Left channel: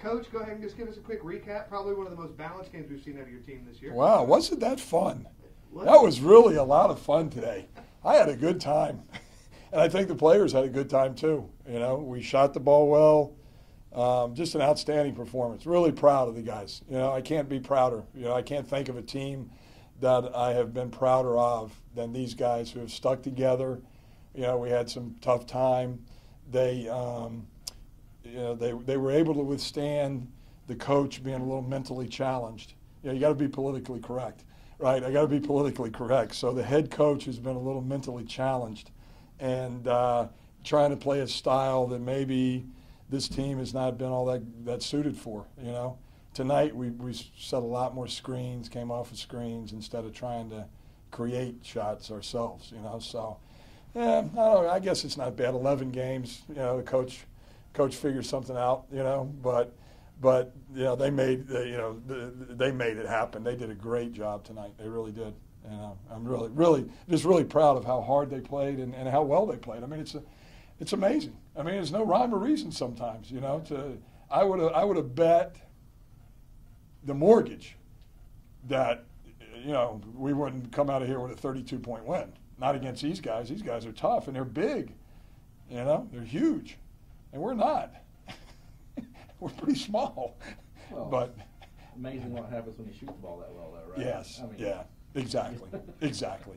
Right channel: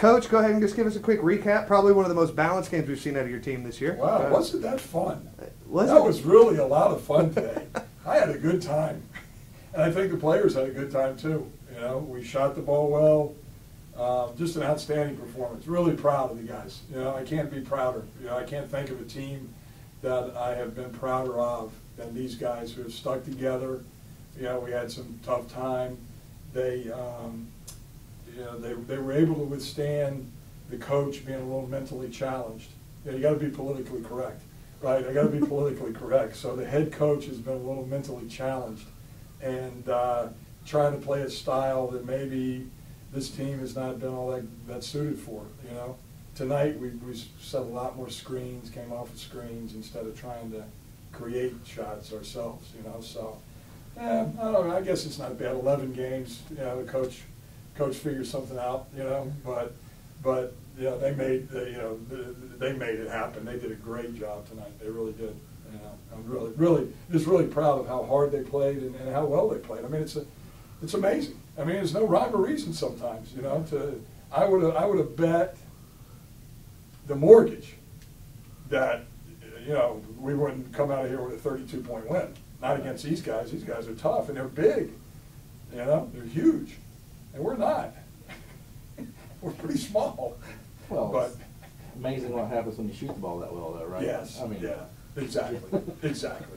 Coach, go ahead and just give us a quick recap. Probably one of the most balanced games we've seen out of your team this year. Wow, wasn't that fun? That was really a lot of fun today. I had a good time. And I think the players had a good time too. You know, we shot the ball well. Just an outstanding performance. Really proud of the guys. You know, I can't be prouder. You know, I can't think of a team that I have been prouder of than these guys who have stuck together. You know, we had some tough time. They, you know, they were able to withstand the coach being a little mentally challenged. You know, you got to be politically correct, right? I got to be politically correct. So the head coach has been a little mentally challenged, and trying to play a style that maybe this team has not been all that suited for. You know, tonight we set a lot more screens, came off of screens instead of trying to create shots ourselves. You know, so yeah, I don't know. I guess it's not bad. 11 games. You know, the coach figured something out. You know, but you know, they made they made it happen. They did a great job tonight. They really did. And I'm really proud of how hard they played and how well they played. I mean, it's amazing. I mean, there's no rhyme or reason sometimes. You know, I would have bet the mortgage that, you know, we wouldn't come out of here with a 32-point win. Not against these guys. These guys are tough and they're big. You know, they're huge, and we're not. We're pretty small. Well, but it's amazing what happens when you shoot the ball that well, though, right? Yes. I mean, yeah. Exactly. Exactly.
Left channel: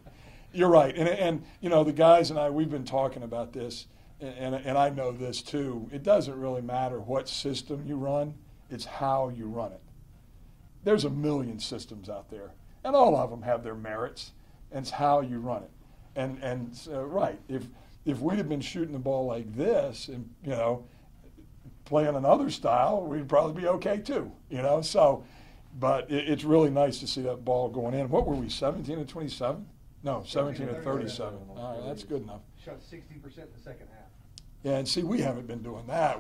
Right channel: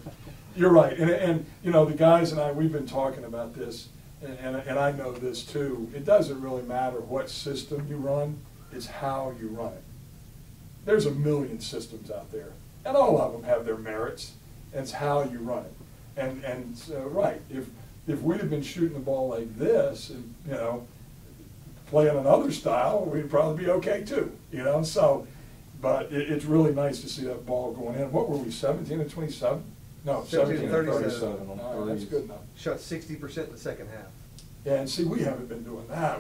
You're right. And you know, the guys and I, we've been talking about this, and I know this too. It doesn't really matter what system you run, it's how you run it. There's a million systems out there, and all of them have their merits, and it's how you run it. And so, right, if we'd have been shooting the ball like this and, you know, playing another style, we'd probably be okay too, you know. So, but it's really nice to see that ball going in. What were we, 17 and 27? No, 17 and 37. That's good enough. Shot 60% in the second half. Yeah, and see, we haven't been doing that.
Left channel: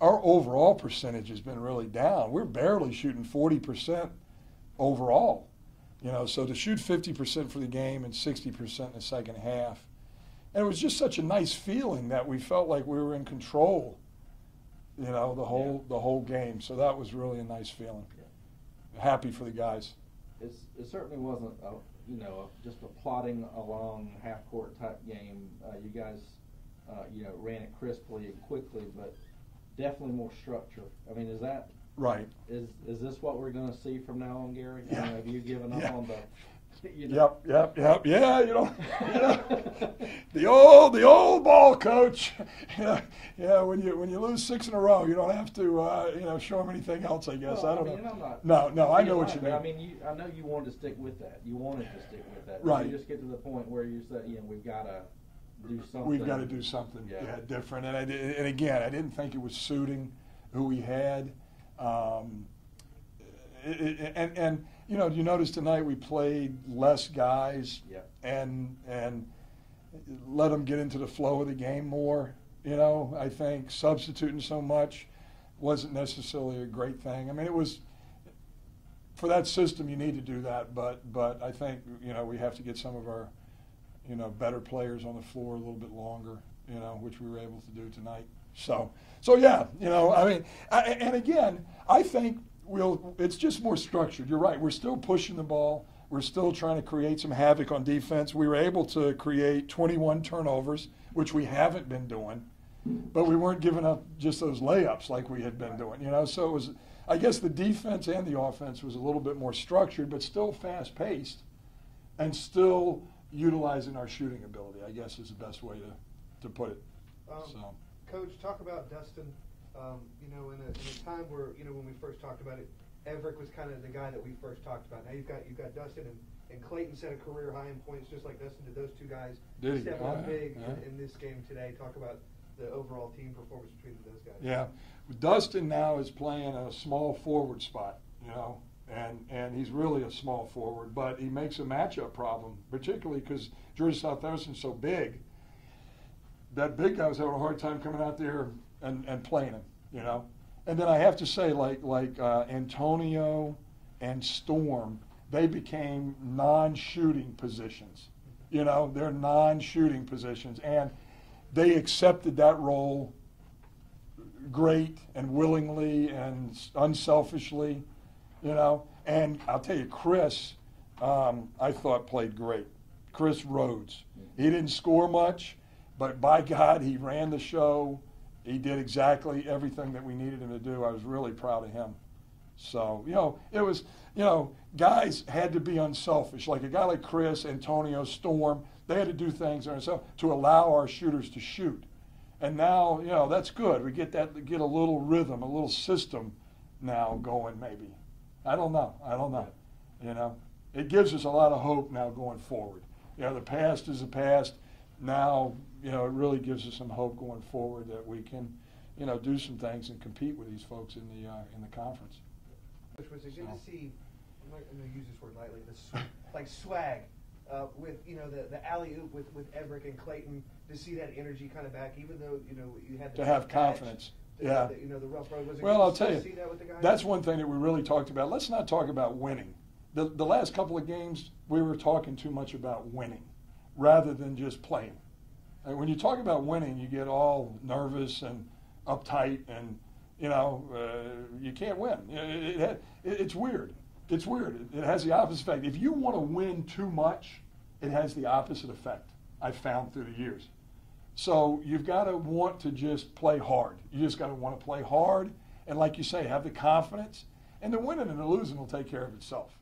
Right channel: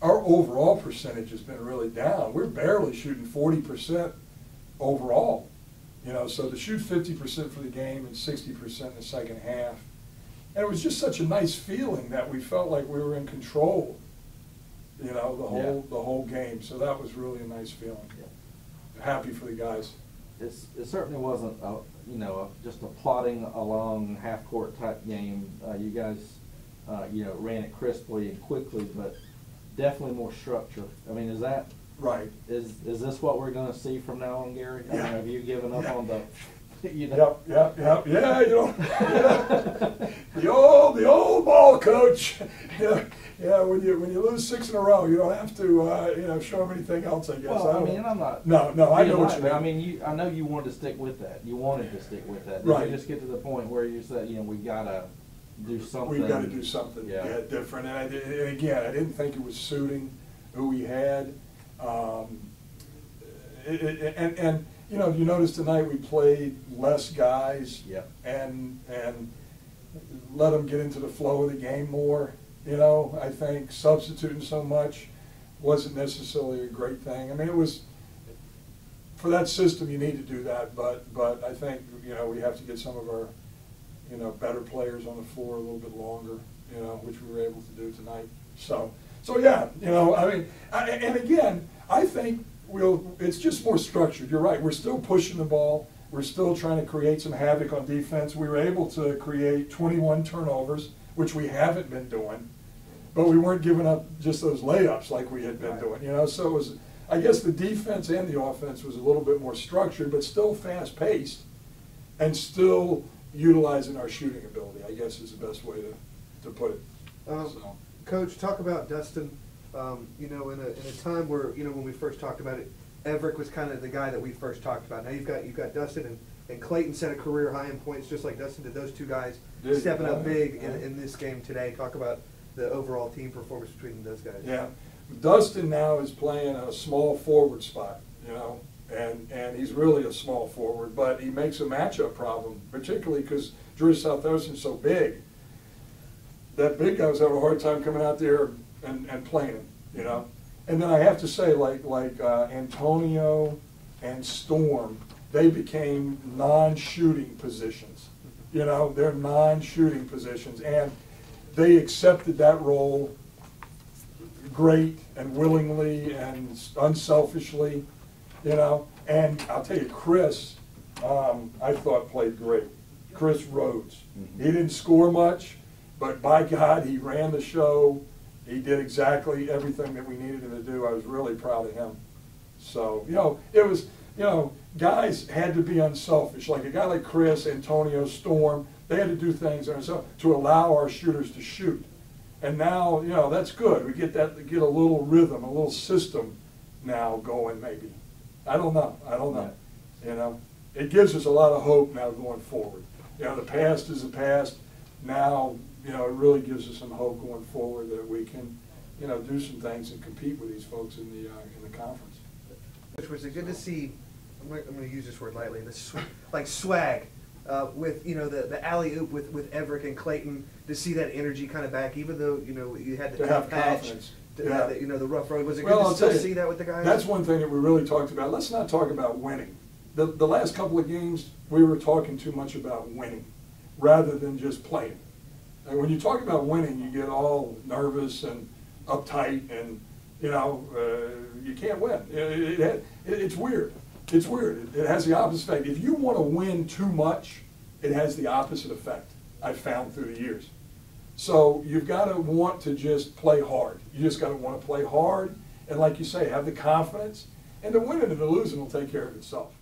Our overall percentage has been really down. We're barely shooting 40% overall. You know, so to shoot 50% for the game and 60% in the second half. And it was just such a nice feeling that we felt like we were in control, you know, the whole game. So that was really a nice feeling. Yeah. Happy for the guys. It certainly wasn't, you know, just a plodding along half-court type game. You guys, you know, ran it crisply and quickly, but definitely more structure. I mean, is that right? Is this what we're going to see from now on, Gary? Yeah. I mean, have you given up on the? You know, yep. Yeah, you know, yeah. the old ball coach. Yeah. When you lose 6 in a row, you don't have to you know, show them anything else. I guess. Well, I mean, I'm not. No, I know what you mean. I mean, I know you wanted to stick with that. You wanted to stick with that. Did right. you just get to the point where you said, you know, we gotta do something. We've got to do something different. And again, I didn't think it was suiting who we had. And you know, you notice tonight we played less guys and let them get into the flow of the game more. You know, I think substituting so much wasn't necessarily a great thing. I mean, it was, for that system you need to do that, but I think, you know, we have to get some of our, you know, better players on the floor a little bit longer, you know, which we were able to do tonight. So yeah, you know, I mean, and again, I think it's just more structured. You're right. We're still pushing the ball. We're still trying to create some havoc on defense. We were able to create 21 turnovers, which we haven't been doing, but we weren't giving up just those layups like we had been doing, you know. So it was, I guess the defense and the offense was a little bit more structured, but still fast-paced and still utilizing our shooting ability, I guess is the best way to put it. Coach, talk about Dustin. You know, in a time where, you know, when we first talked about it, Everett was kind of the guy that we first talked about. Now you've got Dustin and Clayton set a career high in points just like Dustin did. Those two guys stepping up big in this game today. Talk about the overall team performance between those guys. Yeah, Dustin now is playing a small forward spot, you know, and he's really a small forward, but he makes a matchup problem, particularly because Georgia Southwestern is so big. That big guys have a hard time coming out there and playing him, you know. And then I have to say, like Antonio and Storm, they became non-shooting positions. You know, they're non-shooting positions, and they accepted that role great and willingly and unselfishly, you know. And I'll tell you, Chris, I thought played great. Chris Rhodes. He didn't score much, but by God, he ran the show. He did exactly everything that we needed him to do. I was really proud of him. So, you know, it was, you know, guys had to be unselfish. Like a guy like Chris, Antonio, Storm, they had to do things to allow our shooters to shoot. And now, you know, that's good. We get a little rhythm, a little system now going maybe. I don't know. You know, it gives us a lot of hope now going forward. You know, the past is the past. Now, you know, it really gives us some hope going forward that we can, you know, do some things and compete with these folks in the conference. Which was good to see. I'm going to use this word lightly. Like swag with, you know, the alley oop with Everett and Clayton, to see that energy kind of back, even though, you know, you had the tough patch, to have the, you know, the rough road. Was it good to still see that with the guys? That's one thing that we really talked about. Let's not talk about winning. The last couple of games, we were talking too much about winning rather than just playing. And when you talk about winning, you get all nervous and uptight, and you know, you can't win. It's weird. It's weird. It has the opposite effect. If you want to win too much, it has the opposite effect, I've found through the years. So you've got to want to just play hard. You just got to want to play hard, and like you say, have the confidence, and the winning and the losing will take care of itself.